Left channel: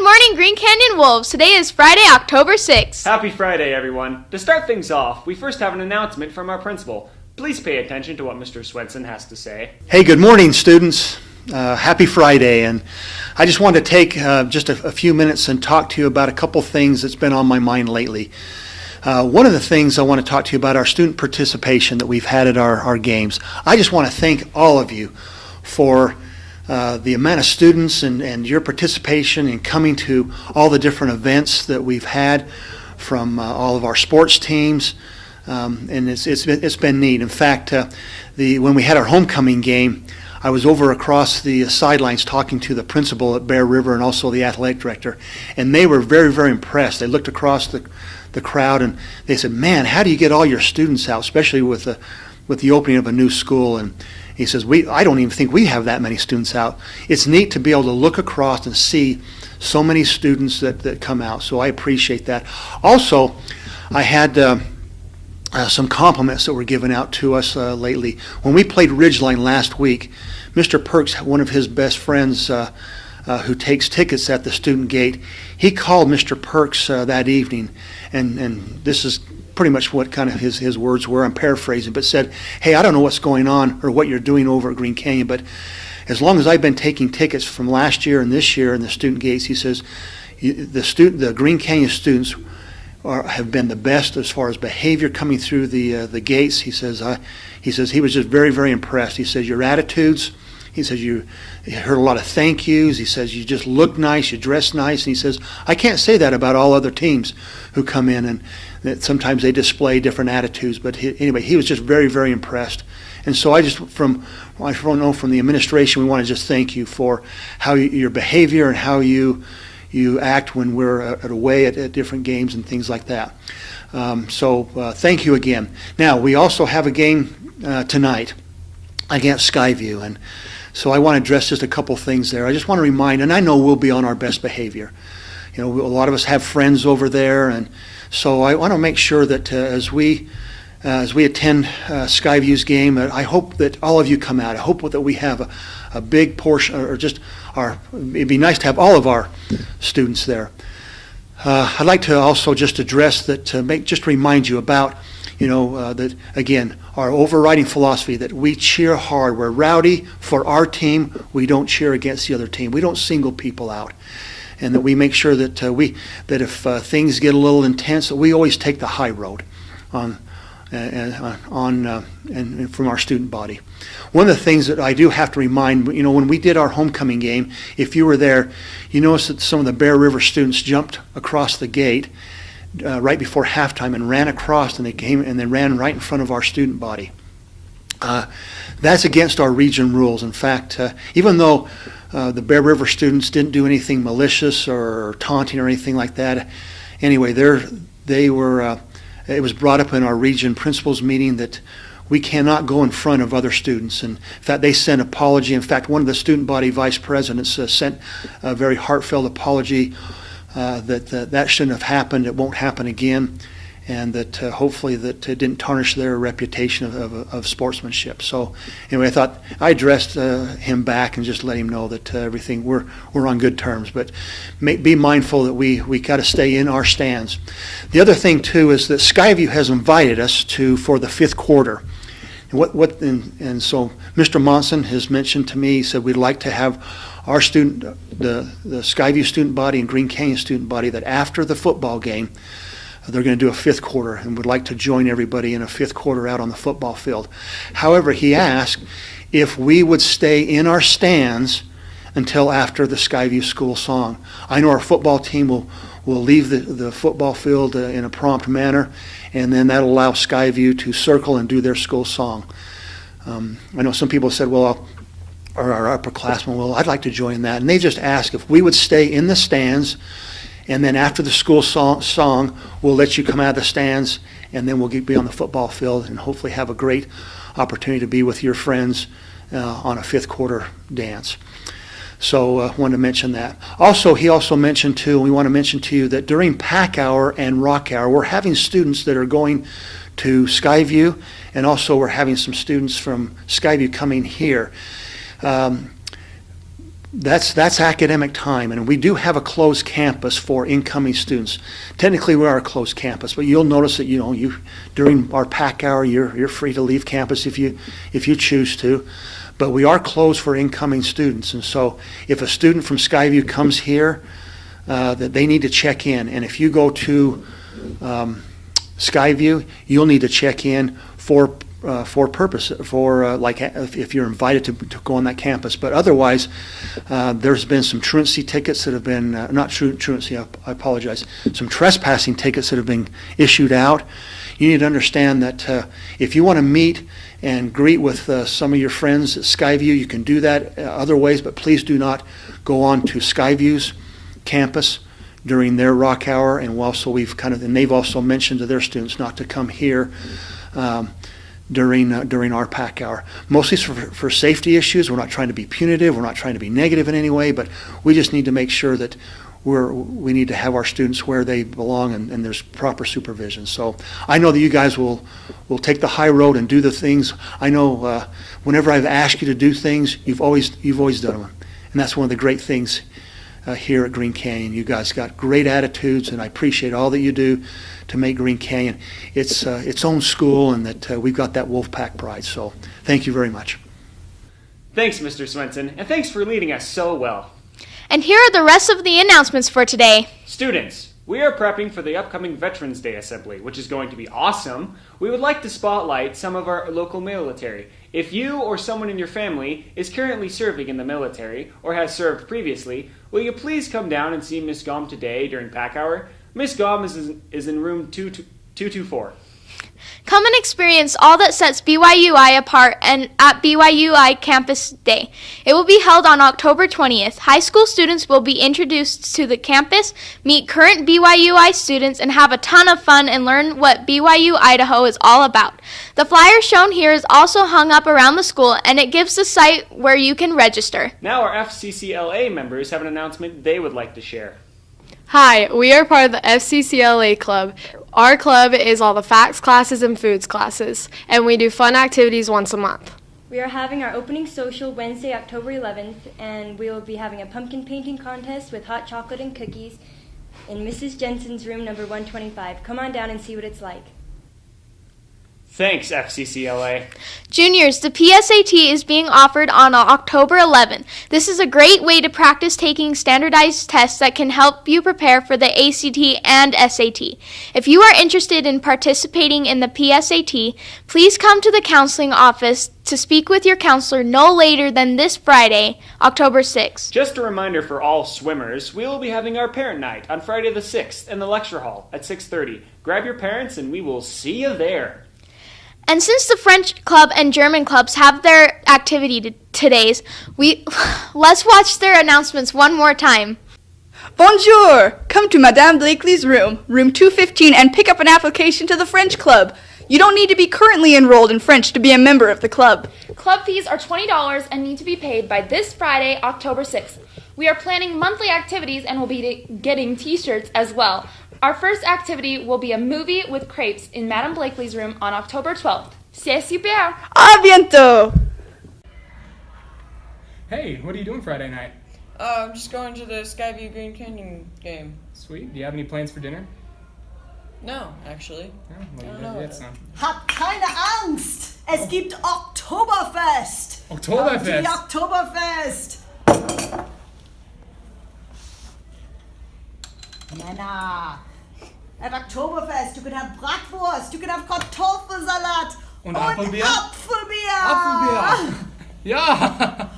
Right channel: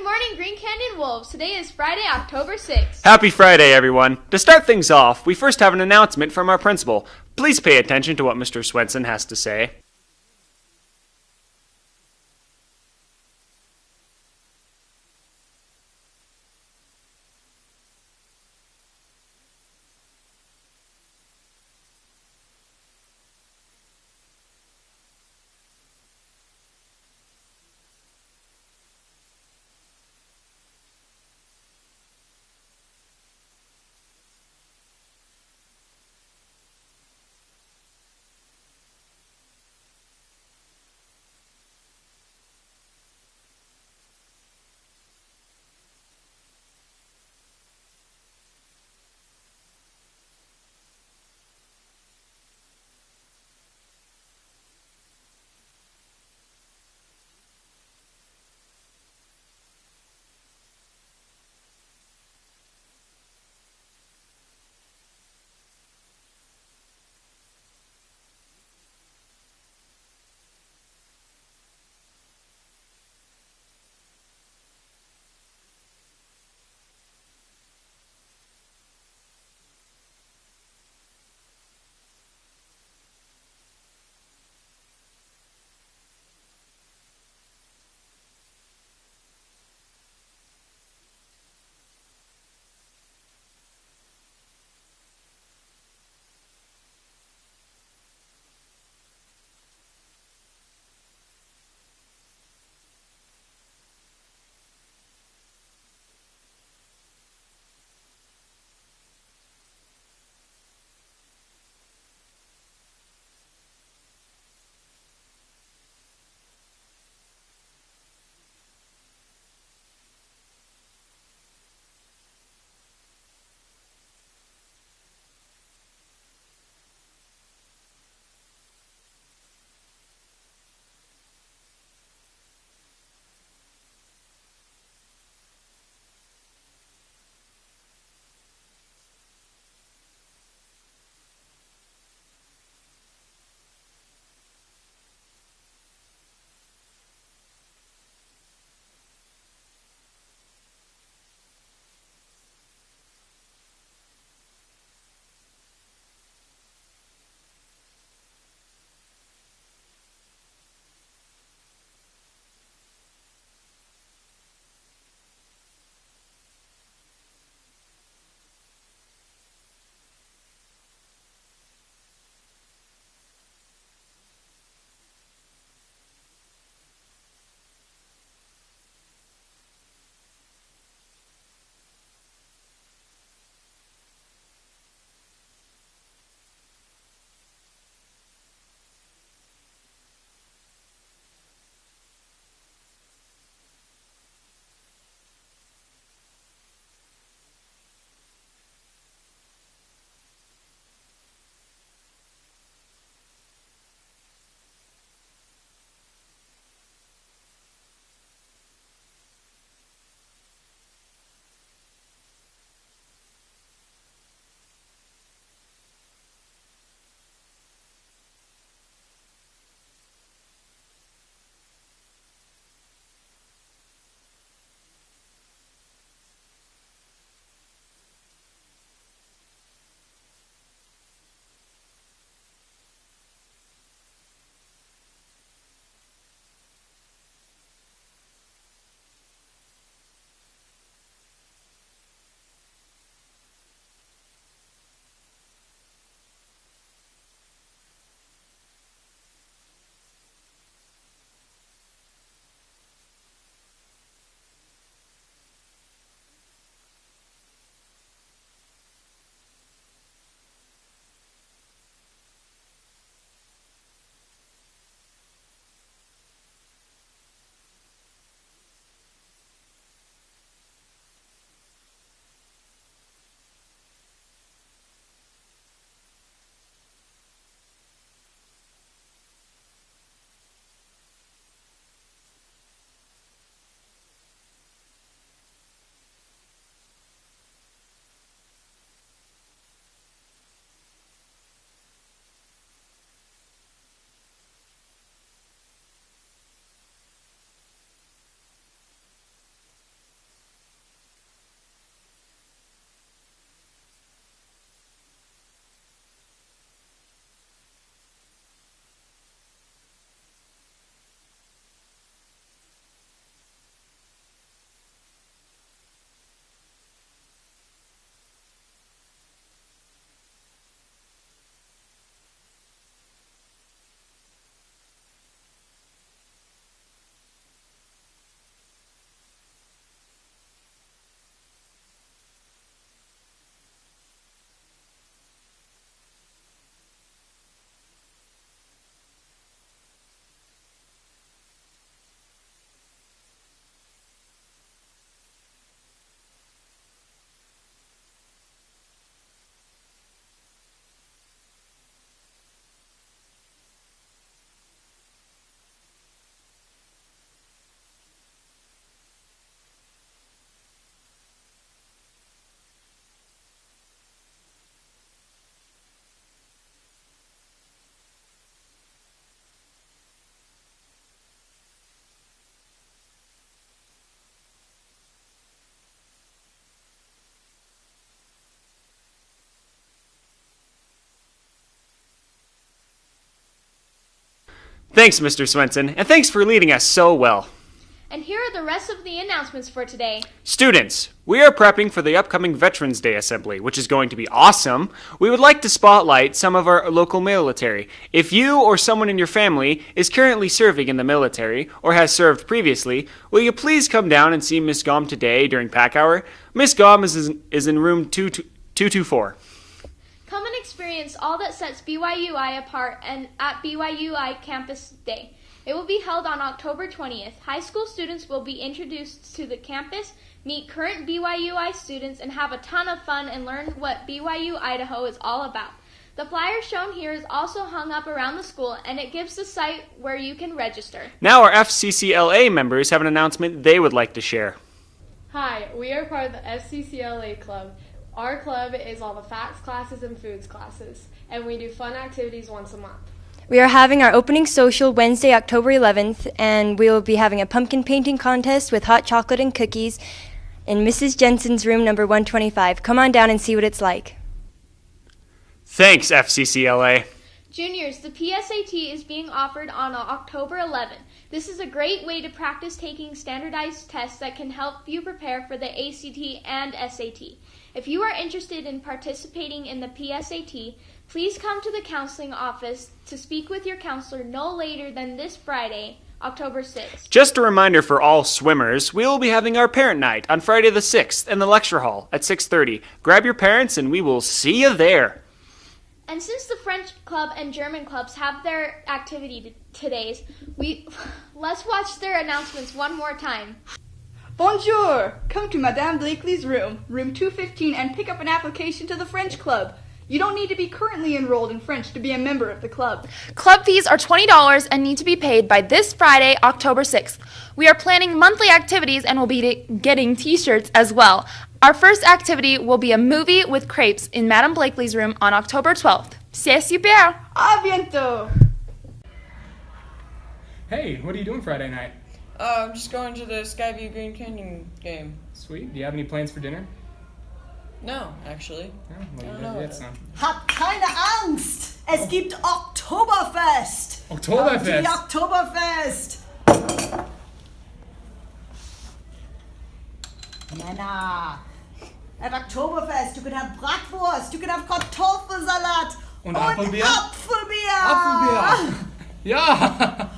Good morning, Green Canyon Wolves. Today is Friday, October 6th. Happy Friday, everyone. To start things off, we first have an announcement from our principal. Please pay attention to what Mr. Swenson has to say. Hey, good morning, students. Happy Friday, and I just wanted to take just a few minutes and talk to you about a couple things that's been on my mind lately. One of the things I want to talk to you about our student participation that we've had at our games. I just want to thank all of you for the amount of students and your participation in coming to all the different events that we've had from all of our sports teams, and it's been neat. In fact, when we had our homecoming game, I was over across the sidelines talking to the principal at Bear River and also the athletic director, and they were very, very impressed. They looked across the crowd and they said, "Man, how do you get all your students out, especially with the opening of a new school?" And he says, I don't even think we have that many students out. It's neat to be able to look across and see so many students that come out, so I appreciate that. Also, I had some compliments that were given out to us lately. When we played Ridgeline last week, Mr. Perks, one of his best friends who takes tickets at the student gate, he called Mr. Perks that evening, and this is pretty much what kind of his words were. I'm paraphrasing, but said, "Hey, I don't know what's going on or what you're doing over at Green Canyon, but as long as I've been taking tickets from last year and this year in the student gates," he says, the Green Canyon students have been the best as far as behavior coming through the gates. He says he was just very, very impressed. He says your attitudes. He says you heard a lot of thank yous. He says you just look nice, you dress nice. And he says I can't say that about all other teams who come in, and that sometimes they display different attitudes. But anyway, he was just very, very impressed. And so I from the administration, we want to just thank you for how your behavior and how you act when we're away at different games and things like that. So thank you again. Now, we also have a game tonight against Skyview, and so I want to address just a couple things there. I just want to remind, and I know we'll be on our best behavior. You know, a lot of us have friends over there, and so I want to make sure that as we attend Skyview's game, I hope that all of you come out. I hope that we have a big portion, or just it'd be nice to have all of our students there. I'd like to also just address that, just remind you about, that again, our overriding philosophy that we cheer hard. We're rowdy for our team. We don't cheer against the other team. We don't single people out. And that we make sure that if things get a little intense, that we always take the high road and from our student body. One of the things that I do have to remind, when we did our homecoming game, if you were there, you noticed that some of the Bear River students jumped across the gate right before halftime and ran across, and they ran right in front of our student body. That's against our region rules. In fact, even though the Bear River students didn't do anything malicious or taunting or anything like that, anyway, they were. It was brought up in our region principals meeting that we cannot go in front of other students. And in fact, they sent an apology. In fact, one of the student body vice presidents sent a very heartfelt apology that shouldn't have happened. It won't happen again, and that hopefully that it didn't tarnish their reputation of sportsmanship. So anyway, I thought I addressed him back and just let him know that everything we're on good terms. But be mindful that we got to stay in our stands. The other thing too is that Skyview has invited us for the fifth quarter. And so Mr. Monson has mentioned to me, he said we'd like to have our the Skyview student body and Green Canyon student body, that after the football game, they're going to do a fifth quarter and would like to join everybody in a fifth quarter out on the football field. However, he asked if we would stay in our stands until after the Skyview school song. I know our football team will leave the football field in a prompt manner, and then that'll allow Skyview to circle and do their school song. I know some people said, well, our upperclassmen, well, I'd like to join that. And they just asked if we would stay in the stands, and then after the school song, we'll let you come out of the stands, and then we'll be on the football field and hopefully have a great opportunity to be with your friends on a fifth quarter dance. So I wanted to mention that. Also, he also mentioned too, we want to mention to you that during Pack Hour and Rock Hour, we're having students that are going to Skyview, and also we're having some students from Skyview coming here. That's academic time, and we do have a closed campus for incoming students. Technically, we are a closed campus, but you'll notice that you during our pack hour, you're free to leave campus if you choose to. But we are closed for incoming students, and so if a student from Skyview comes here, that they need to check in, and if you go to Skyview, you'll need to check in for purpose, like if you're invited to go on that campus. But otherwise, there's been some truancy tickets that have been, not truancy, I apologize, some trespassing tickets that have been issued out. You need to understand that if you want to meet and greet with some of your friends at Skyview, you can do that other ways, but please do not go on to Skyview's campus during their rock hour. And and they've also mentioned to their students not to come here during our pack hour. Mostly for safety issues. We're not trying to be punitive. We're not trying to be negative in any way, but we just need to make sure that we need to have our students where they belong, and there's proper supervision. So I know that you guys will take the high road and do the things. I know whenever I've asked you to do things, you've always done them, and that's one of the great things here at Green Canyon. You guys got great attitudes, and I appreciate all that you do to make Green Canyon its own school, and that we've got that Wolfpack pride. So thank you very much. Thanks, Mr. Swenson, and thanks for leading us so well. And here are the rest of the announcements for today. Students, we are prepping for the upcoming Veterans Day Assembly, which is going to be awesome. We would like to spotlight some of our local military. If you or someone in your family is currently serving in the military or has served previously, will you please come down and see Miss Gom today during pack hour? Miss Gom is in room 224. Come and experience all that sets BYUI apart and at BYUI Campus Day. It will be held on October 20th. High school students will be introduced to the campus, meet current BYUI students, and have a ton of fun and learn what BYU Idaho is all about. The flyer shown here is also hung up around the school, and it gives the site where you can register. Now our FCCLA members have an announcement they would like to share. Hi, we are part of the FCCLA Club. Our club is all the facts classes and foods classes, and we do fun activities once a month. We are having our opening social Wednesday, October 11th, and we will be having a pumpkin painting contest with hot chocolate and cookies in Mrs. Jensen's room number 125. Come on down and see what it's like. Thanks, FCCLA. Juniors, the PSAT is being offered on October 11th. This is a great way to practice taking standardized tests that can help you prepare for the ACT and SAT. If you are interested in participating in the PSAT, please come to the counseling office to speak with your counselor no later than this Friday, October 6th. Just a reminder for all swimmers, we will be having our parent night on Friday the 6th in the lecture hall at 6:30. Grab your parents and we will see you there. And since the French club and German clubs have their activity today's, let's watch their announcements one more time. Bonjour! Come to Madame Blakely's room, room 215, and pick up an application to the French club. You don't need to be currently enrolled in French to be a member of the club. Club fees are $20 and need to be paid by this Friday, October 6th. We are planning monthly activities and will be getting t-shirts as well. Our first activity will be a movie with crepes in Madame Blakely's room on October 12th. C'est super! A bientôt! Hey, what are you doing Friday night? I'm just going to the Skyview Green Canyon game. Sweet. Do you have any plans for dinner? No, actually. Oh, well, I you don't better know. get some. Habt keine Angst! Es gibt Oktoberfest! Oktoberfest! Die Oktoberfest! Männer! At Oktoberfest, you can have Bratwurst, you can have Kartoffelsalat Und Apfelbier? Apfelbier! Apfelbier! Ja!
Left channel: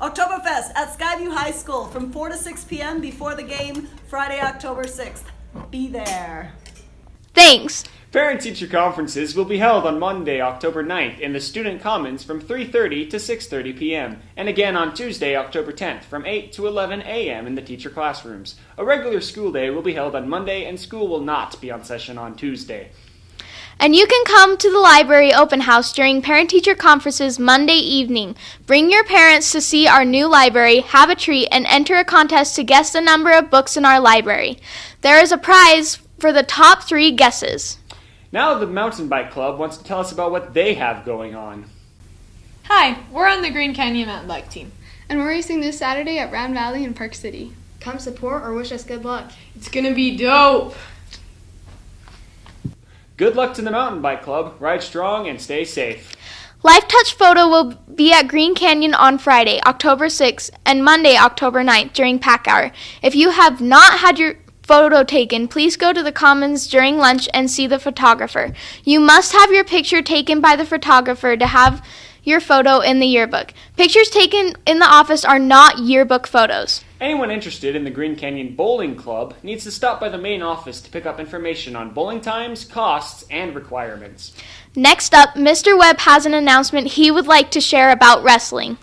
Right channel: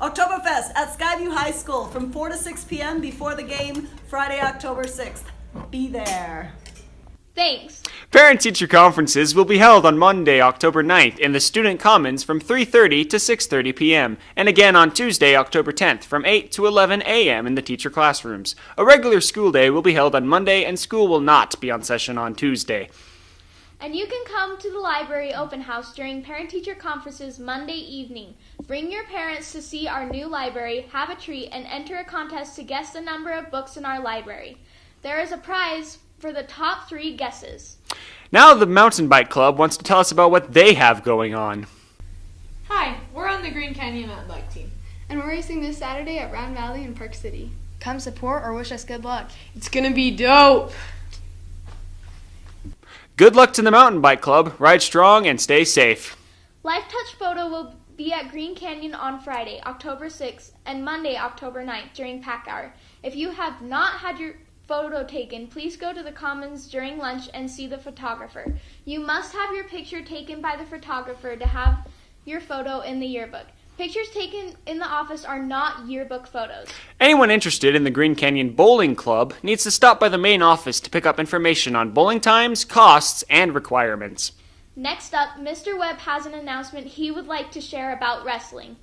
Oktoberfest at Skyview High School from 4 to 6 p.m. before the game, Friday, October 6th. Be there. Thanks. Parent-teacher conferences will be held on Monday, October 9th in the Student Commons from 3:30 to 6:30 p.m. and again on Tuesday, October 10th from 8 to 11 a.m. in the teacher classrooms. A regular school day will be held on Monday and school will not be on session on Tuesday. And you can come to the library open house during parent-teacher conferences Monday evening. Bring your parents to see our new library, have a treat, and enter a contest to guess the number of books in our library. There is a prize for the top 3 guesses. Now the Mountain Bike Club wants to tell us about what they have going on. Hi, we're on the Green Canyon Mountain Bike team. And we're racing this Saturday at Round Valley in Park City. Come support or wish us good luck. It's gonna be dope! Good luck to the Mountain Bike Club. Ride strong and stay safe. Life Touch Photo will be at Green Canyon on Friday, October 6th, and Monday, October 9th during pack hour. If you have not had your photo taken, please go to the Commons during lunch and see the photographer. You must have your picture taken by the photographer to have your photo in the yearbook. Pictures taken in the office are not yearbook photos. Anyone interested in the Green Canyon Bowling Club needs to stop by the main office to pick up information on bowling times, costs, and requirements. Next up, Mr. Webb has an announcement he would like to share about wrestling.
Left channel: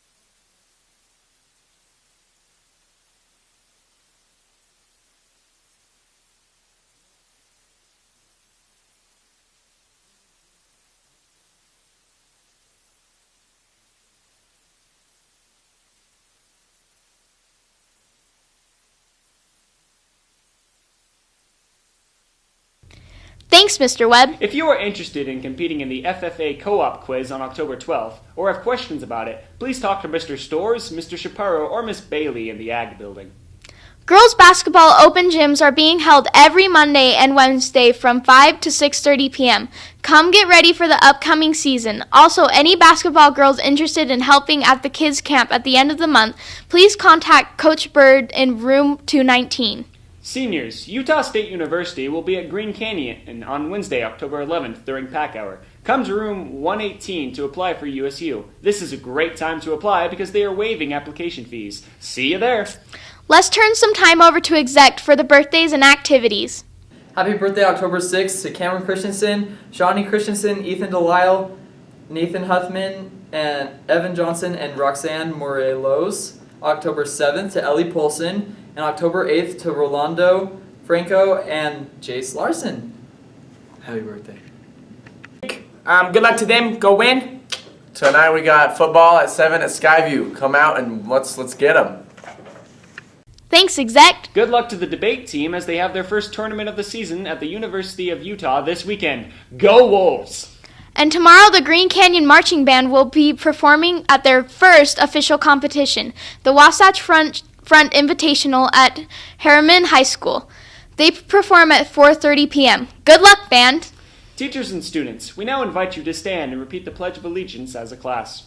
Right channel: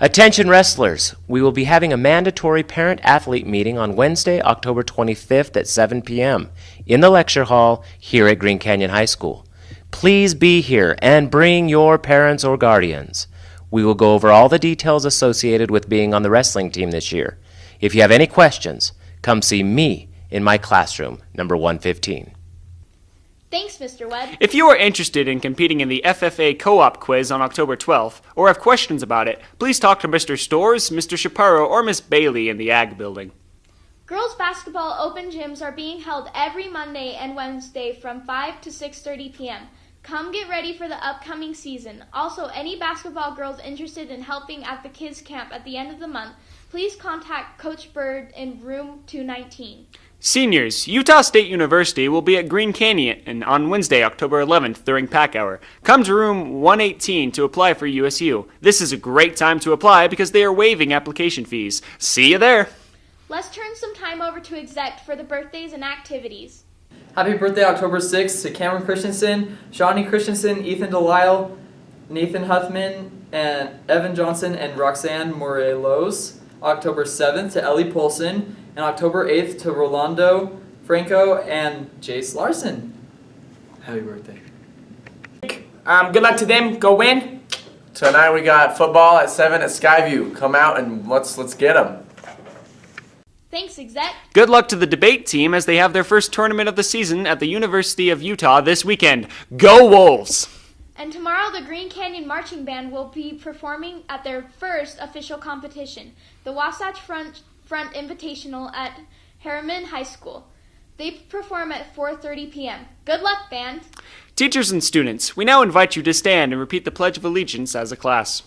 Attention wrestlers, we will be having a mandatory parent-athlete meeting on Wednesday, October 25th at 7 p.m. in the lecture hall here at Green Canyon High School. Please be here and bring your parents or guardians. We will go over all the details associated with being on the wrestling team this year. If you have any questions, come see me in my classroom, number 115. Thanks, Mr. Webb. If you are interested in competing in the FFA Co-op quiz on October 12th, or have questions about it, please talk to Mr. Stores, Mr. Chaparro, or Miss Bailey in the Ag Building. Girls basketball open gyms are being held every Monday and Wednesday from 5 to 6:30 p.m. Come get ready for the upcoming season. Also, any basketball girls interested in helping at the kids camp at the end of the month, please contact Coach Bird in room 219. Seniors, Utah State University will be at Green Canyon on Wednesday, October 11th during pack hour. Come to room 118 to apply for USU. This is a great time to apply because they are waiving application fees. See you there. Let's turn some time over to Exec for the birthdays and activities. Happy birthday October 6th to Cameron Christensen, Shawnee Christensen, Ethan Delisle, Nathan Huffman, and Evan Johnson and Roxanne Morelos. October 7th to Ellie Polson, and October 8th to Rolando Franco and Jace Larson. Happy birthday. Good luck to them. Go win. Tonight we got football at 7 at Skyview. Come out and let's get them. Thanks, Exec. Good luck to the debate team as they have their first tournament of the season at the University of Utah this weekend. Go Wolves! And tomorrow, the Green Canyon Marching Band will be performing at their first official competition, the Wasatch Front Invitational at Harriman High School. They perform at 4:30 p.m. Good luck, band! Teachers and students, we now invite you to stand and repeat the Pledge of Allegiance as a class.